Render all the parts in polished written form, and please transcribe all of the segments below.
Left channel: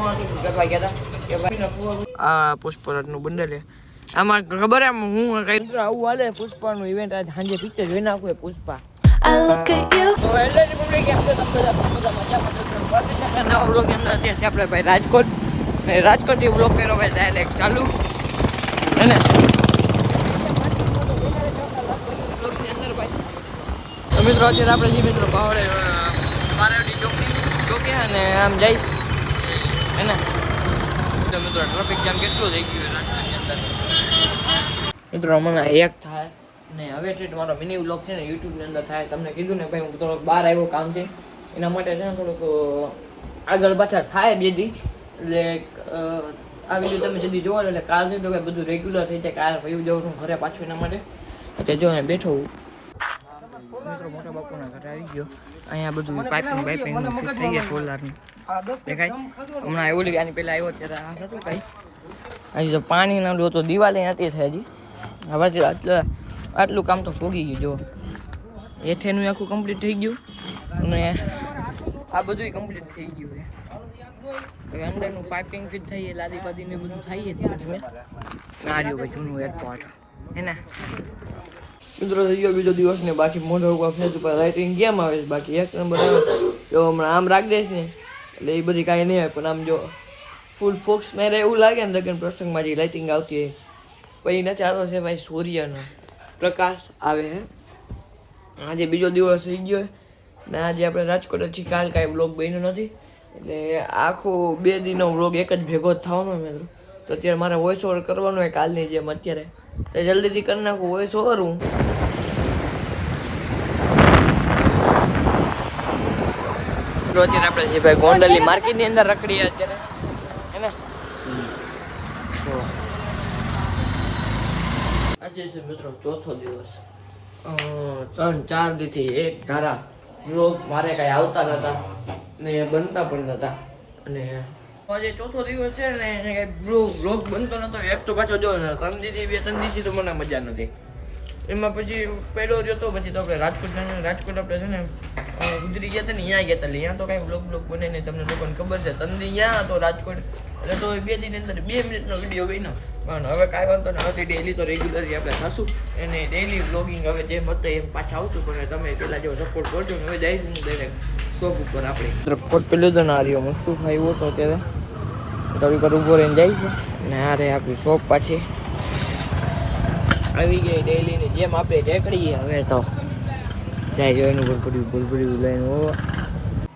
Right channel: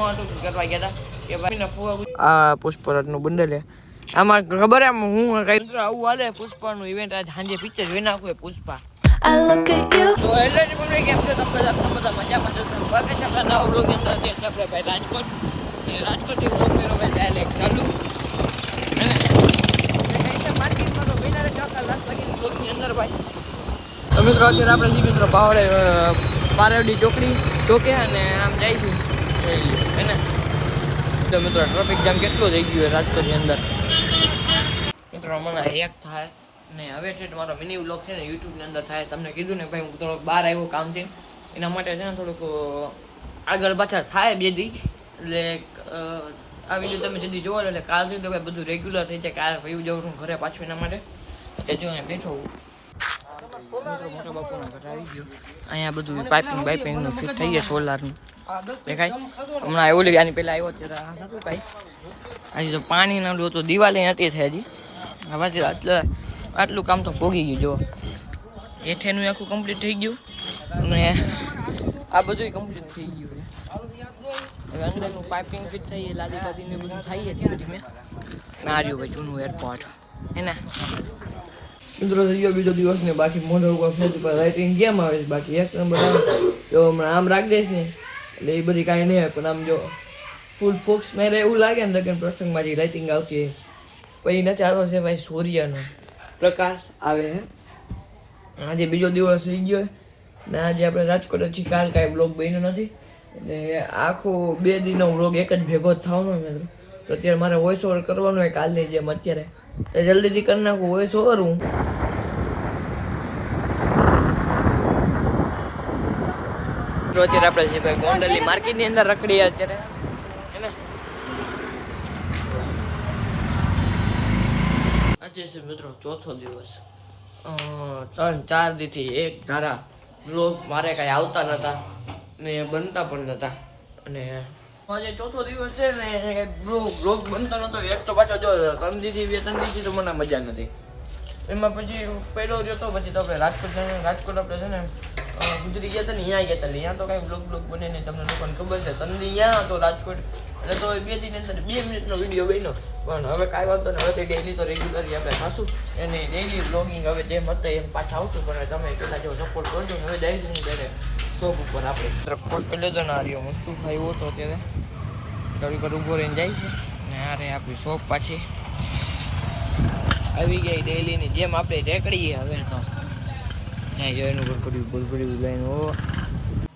હું કરવા ગયા હતા કે ભાઈ આ પુષ્પરાજનું બંડલ આમાં ખબર એમ હું કઈ આવું હાલે પુષ્પાનું ઇવેન્ટ આજ સાંજે પિક્ચર જોઈ નાખું પુષ્પા. તો હેલો પબ્લિક, કેમ છો તમે બધા મજામાં જશો? સ્વાગત છે આપણા નવા બ્લોગની અંદર. અત્યારે છે આપણે ભાઈ રાજકોટ, અને રાજકોટથી બ્લોગ કર્યો ભાઈ ડાયરેક્ટ ચાલુ અને માર્કેટમાં તો મહિના ચોથા લાખ લાગી બ્લોગની અંદર ભાઈ. તો મિત્રો અત્યારે આપણે જે મિત્રો પાવડે પારવડી ચોકે અને આમ જઈશું હે ને. તો મિત્રો ટ્રાફિક જામ કેટલો થઈ ગયો રાજકોટની અંદર મિત્રો. મને એક થાય ને હવે છે મારો મિની વ્લોગ છે ને યુટ્યુબની અંદર થાય. તમને કીધું ને ભાઈ હું થોડોક બહાર આવ્યો કામથી, એના માટે છે ને થોડુંક આગળ પાછળ થાય બે દી. એટલે આ વિડીયો તમે જલ્દી જોવો એટલે કાલ છે તો ભાઈ બધું રેગ્યુલર થઈ જાય. કાલ વયું જવું હું ઘરે પાછું એના માટે. એટલે જો અહીં બેઠો મિત્રો મોટા બાપુના ઘરે આવી ગયો. અહીંયા બધું પાઇપિંગ ફિટ થઈ ગયા સોલારનું દેખાય. હમણાં એવું લાગે આની પહેલાં આવ્યો ત્યારે આ હતું કાંઈ હજી તો પાણી ના તો દિવાળી નથી થઈ હજી. હવે આટલું કામ તો ભોગી ગયું. જો હેઠેનું આખું કમ્પ્લીટ થઈ ગયું અને આ બધું કમ્પ્લીટ થઈ ગયું છે. હવે અંદરનું પાઇપિંગ ફિટ થઈએ, લાદી બાદીને બધું થઈએ ધીમે ધીમે. ના રહ્યું ભાઈ જૂનું એરપોર્ટ હે ને મિત્રો. થઈ ગયો બીજો દિવસ ને બાકી મોઢા ઉપર ફેસ ઉપર રાઇટિંગ કેમ આવે બાકી એક નંબર આવે. જો હમણાં આમ રાખ દઈશ ને એટલે એ બધી કાંઈ નહીં આવે, પણ આમ જો ફૂલ ફોક્સ નહીં રહે એવું લાગે ને લગન પ્રસંગમાં જે લાઇટિંગ આવતી હોય. પછી નથી આવતો છે ભાઈ સૂર્યનો પ્રકાશ આવે હે. આજે બીજો દિવસ થઈ ગયો ને આજે આપણે રાજકોટ છીએ. કાલ કાંઈ બ્લોગ બન્યો નથી એટલે આખો 2 દિનનો બ્લોગ એક જ ભેગો જ થવાનો મિત્રો. તો અત્યારે મારે વોઇસ ઓવર કરવાનો હોય કાલની જેમ અત્યારે, એટલે જલ્દીથી કરી નાખું વોઇસ ઓવર હું. અત્યારે આપણે જે ભાઈ ગોંડલની માર્કેટની અંદર રખડીએ અત્યારે હે ને. આજે છે મિત્રો ચોથો દિવસ. 3-4 દીથી એક ધારા બ્લોગ મારે કાંઈ આવતા નહોતા ને બનતા પણ નહોતા. અને આજે ચોથો દિવસ છે ને બ્લોગ બનતો નહોતો. એક તો પાછો જો 3 દીથી તો મને મજા નથી. એમાં પછી પહેલો રહ્યો તો પછી તો આપણે રાજકોટ આપણે છે ને ગુજરી ગયા હતા ને ત્યાં ગયા હતા. એટલે ત્યાં તો કાંઈ બ્લોગ બને નહીં, તમને લોકોને ખબર છે. તંદી ત્યાં હતો રાજકોટ એટલે તો 2 દિન અંદર 2 મિનિટનો વિડીયો બન્યો. પણ હવે કાંઈ વાંધો નહીં, હવે ડેઈલી તો રેગ્યુલરલી આપણે થશું અને ડેઈલી વ્લોગિંગ હવે જેમ હતા એમ પાછા આવશું. પણ તમે પહેલાં જેવો સપોર્ટ કરજો. હવે જઈશું હું ત્યારે શોપ ઉપર આપણે પોટ પેલું તો ના રહ્યો મસ્તું ખાયું હતો અત્યારે થોડીક વાર ઊભો રહીને જઈશું. અને આ રે આપણી શોપ પાછી આવી ગઈ ડેઈલીની જેમ આપણે રેકડીએ. હવે તો જાય જો એનું ભૂલભર્યું લઈને હો.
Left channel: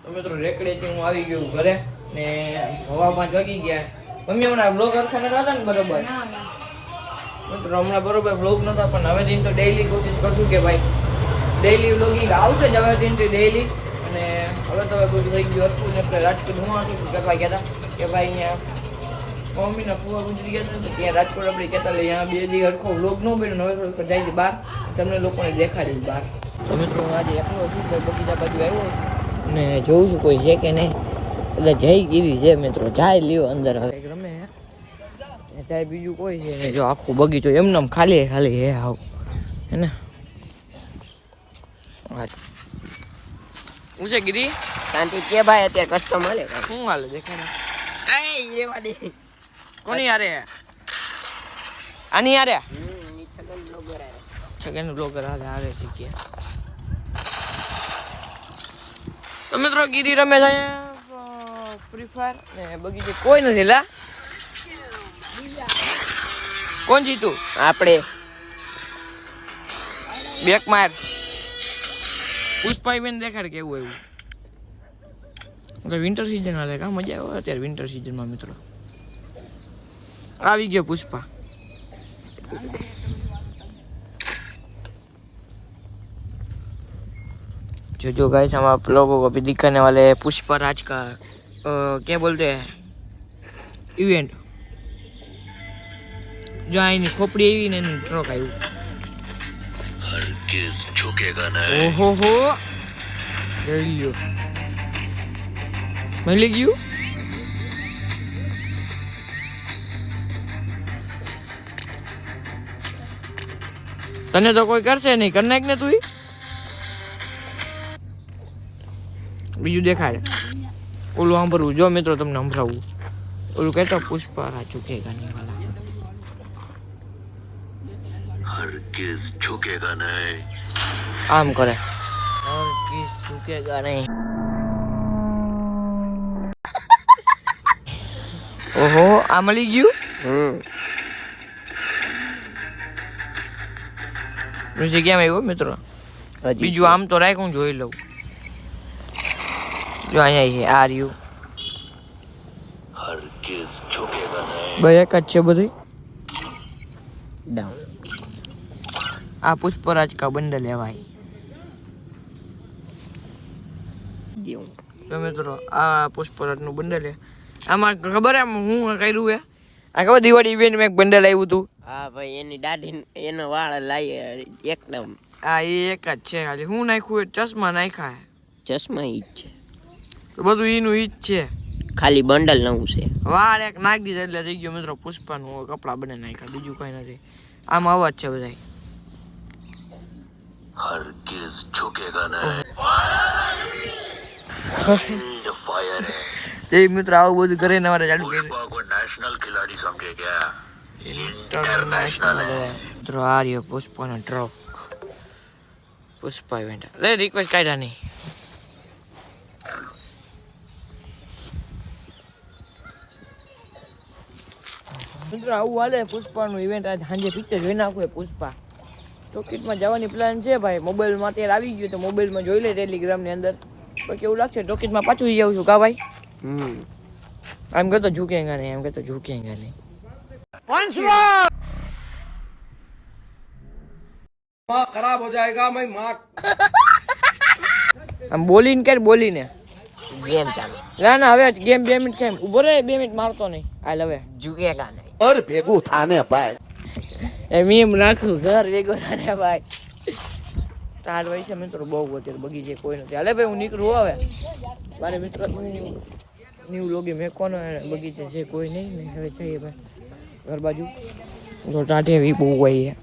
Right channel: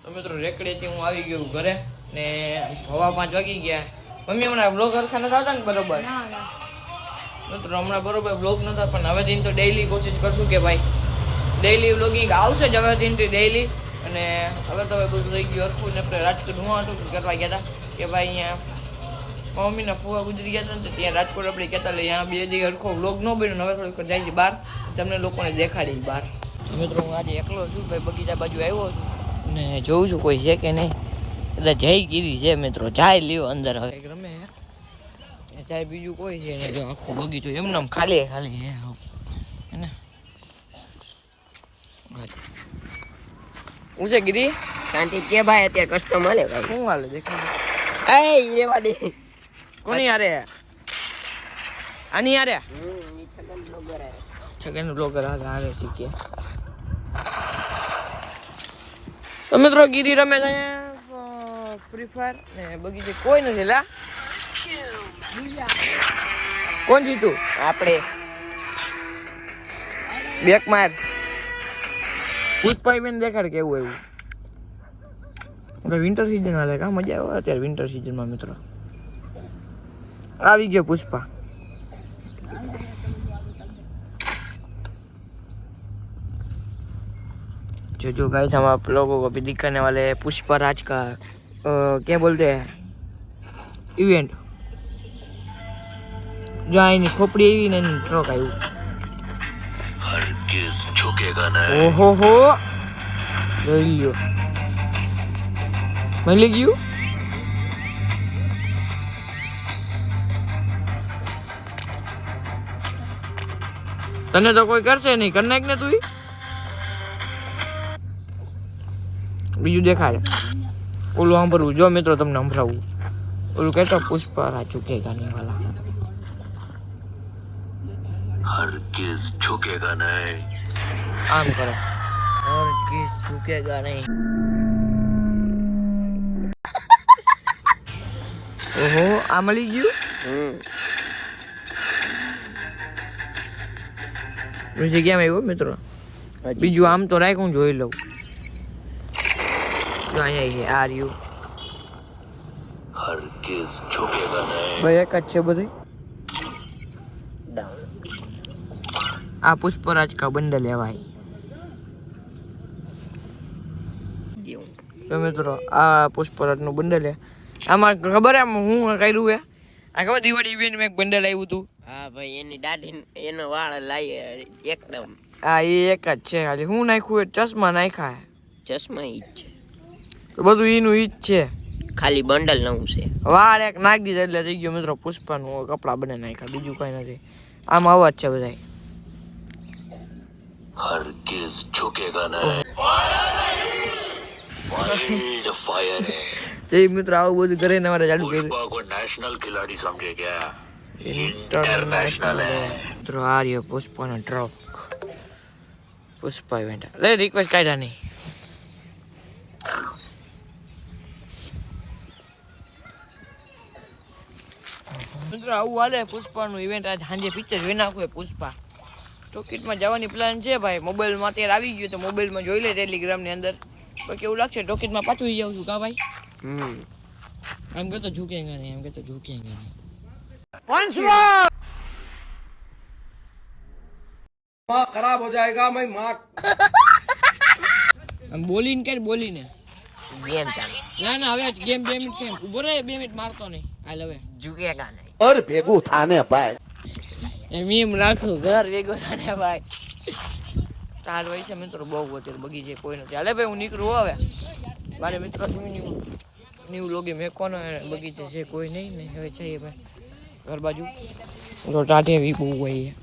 તો મિત્રો રેકડીથી હું આવી ગયો ઘરે ને 5:15 વાગી ગયા. મમ્મી હમણાં બ્લોગ હરખા નતા હતા ને બરોબર મિત્રો? હમણાં બરોબર બ્લોગ નતા, પણ હવે દિન તો ડેઈલી કોશિશ કરશું કે ભાઈ ડેઈલી વ્લોગિંગ આવશે જ હવે દિનથી ડેઈલી. અને હવે તો બધું થઈ ગયું હરખું ને આપણે રાજકોટ હું કરવા ગયા હતા કે ભાઈ અહીંયા મમ્મીના ફુવા ગુજરી ગયા હતા ને ત્યાં રાજકોટ આપણે કહેતા એટલે અહીંયા 2 દી હરખો વ્લોગ ન બન્યો. હવે થોડુંક જાય છે બહાર, તમને લોકોને દેખાડી બહાર. તો મિત્રો આજે એકલો છું ભાઈ, બગીચા બાજુ આવ્યો ને જોઉં છું કોઈ છે કે નહીં. એટલે જઈ ગીરી છે મિત્રો, જાય લ્યો અંદર હવે રમે જાય. બીજું કોઈ છે ને જો આખું બગીચો એમને ખાલી હે આવું હે ને. હું છે ગીરી શાંતિ કે ભાઈ અત્યારે કસ્ટમ હાલે ભાઈ. શું હાલે દેખાય એ એવા દે કોની યારે આની યારે છગન બ્લોગર હારે શીખીએ. તો મિત્રો ગીરી રમે છે ફ્રી ફાયર ને બગીચે કોઈ નથી. લા કોણ જીતું? આપણે બેક માર પુષ્પા બેન દેખાડ કેવું એવું. વિન્ટર સિઝન હાલે કા મજા આવે અત્યારે વિન્ટર સિઝનમાં મિત્રો. આવી ગયો પુષ્પા. जो गाइस हम आप लोगों को अभी दिखाने वाले हैं पुष्पा राज का क्या बोलते हैं इवेंट. जो आईनी खोपड़ी एवी ने ट्रक आयु हरगिज झुकेगा नहीं. ओहो हो લઈ લ્યો મળી ગયું. તને તો કોઈ કરશે નહીં, કર નાખ ને તું. બીજું દેખાડે ઓલું સાંભળવું જો મિત્રો, તમને સંભળાવું. ઓલું કહેતો પુષ્પા ઝુકેગા નહીં વાલા. हरगिज झुकेगा नहीं. આમ કરે હરગીઝ ઝુકેગા નહીં. ઓહો આ મળી ગયું. જગ્યામાં આવ્યો મિત્રો. બીજું આમ તો રાખ હું જોઈ લઉં. જો અહીંયા છે આ રહ્યું. हरगिज झुकेगा नहीं. બે એક જ છે બધું. આ પુષ્પરાજ કા બંડલ લેવાય. તો મિત્રો આ પુષ્પરાજનું બંડલ છે. આમાં ખબર એમ હું કર્યું હે આ ખબર દિવાળી ઇવેન્ટ માં એક બંડલ આવ્યું હતું. હા ભાઈ એની દાઢી એનો વાળ લાય એકદમ. હા એ એક જ છે ખાલી હું નાખ્યું એ ચશ્મા નાખ્યા. ચશ્મા ઈ જ છે બધું એનું ઈ જ છે. ખાલી બંડલ નવું છે. વાળ એક નાખી દીધા એટલે થઈ ગયો મિત્રો પુષ્પાનું કપડા બને નાખ્યા બીજું કઈ નથી. આમાં અવાજ છે બધા. हरगिज झुकेगा नहीं. वाइल्ड फायर है. એ મિત્રો આવું બધું કરે ને અમારે ચાલુ કર્યું. पुष्पा को नेशनल खिलाड़ी समझे क्या? ઇન્ટરનેશનલ મિત્રો આ રહ્યો પુષ્પાનો ટ્રક. પુષ્પા ઇવેન્ટ લે રિક્વેસ્ટ કાઢ્યા નહીં. મિત્રો આવું હાલે પુષ્પાનું ઇવેન્ટ આજ સાંજે પિક્ચર જોઈ નાખું પુષ્પા. ટોકીટમાં જવાની પ્લાન છે ભાઈ. મોબાઈલમાં અત્યારે આવી ગયું તો મોબાઈલમાં જોઈ લે ટેલિગ્રામની અંદર. બાકી એવું લાગશે ટોકીટમાં પાછું જઈ આવું છું કા ભાઈ. આમ કહેતો ઝૂકેગા નહીં, એમ કહેતો ઝૂકેગા નહીં. खराब हो जाएगा मैं माँ. આમ બોલીને કે બોલીને ગેમ ચાલે. ના ના હવે ગેમ 2 મિનિટ છે ઉભો રહે 2 મિનિટ મારતો નહીં. હાલ હવે ઝુકેગા નહીં. और भेगू थाने भाई. એમ રાખું ઘર વેગો ને ભાઈ. તાર હોય છે મિત્રો બહુ અત્યારે બગીચે કોઈ નથી. હાલે ભાઈ હું નીકળું હવે મારે મિત્ર ન્યૂ લોગી મેકવાનો બગીચે છે કોઈ નહીં ને હવે જઈએ ભાઈ ઘર બાજુ. તો ટાટે એવી બહુ હોય છે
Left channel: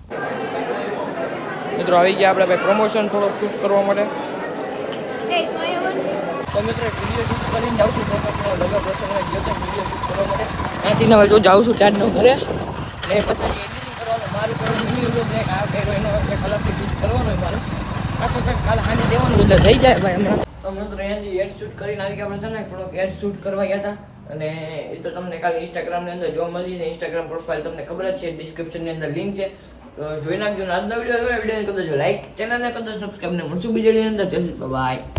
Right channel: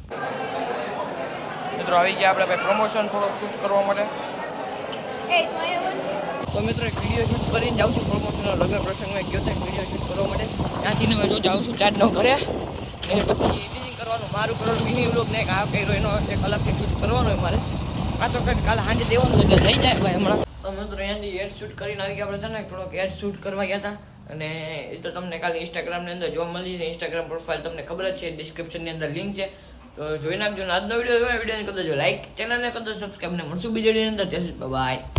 મિત્રો. આવી ગયા આપણે ભાઈ પ્રમોશન થોડોક શૂટ કરવા માટે. તો મિત્રો એક વિડીયો શૂટ કરીને જાઉં છું પ્રમોશનલ લગન પ્રસંગમાં ગયો તો વિડીયો શૂટ કરવા માટે. ત્યાંથી હવે જો જાઉં છું ચાર્જનો ઘરે ને પછી એડિટિંગ કરવાનું મારું કરોડ મિની વ્લોગ ને એક આ કર્યો એનો એક અલગથી શૂટ કરવાનો હોય મારે. પાછો કંઈક કાલે સાંજે દેવાનું એટલે થઈ જાય ભાઈ હમણાં. તો મિત્રો અહીંયાથી એડ શૂટ કરીને આવી ગયા આપણે છે ને થોડોક એડ શૂટ કરવા ગયા હતા. અને એ તો તમને કાલે ઇન્સ્ટાગ્રામની અંદર જોવા મળી જાય. ઇન્સ્ટાગ્રામ પ્રોફાઇલ તમને ખબર જ છે ડિસ્ક્રિપ્શનની અંદર લિંક છે તો જોઈ નાખજો. આજનો વિડીયો કદાચ લાઈક ચેનલને કદાચ સબસ્ક્રાઈબ ને મળશું બીજા વિડીયોની અંદર. બાય.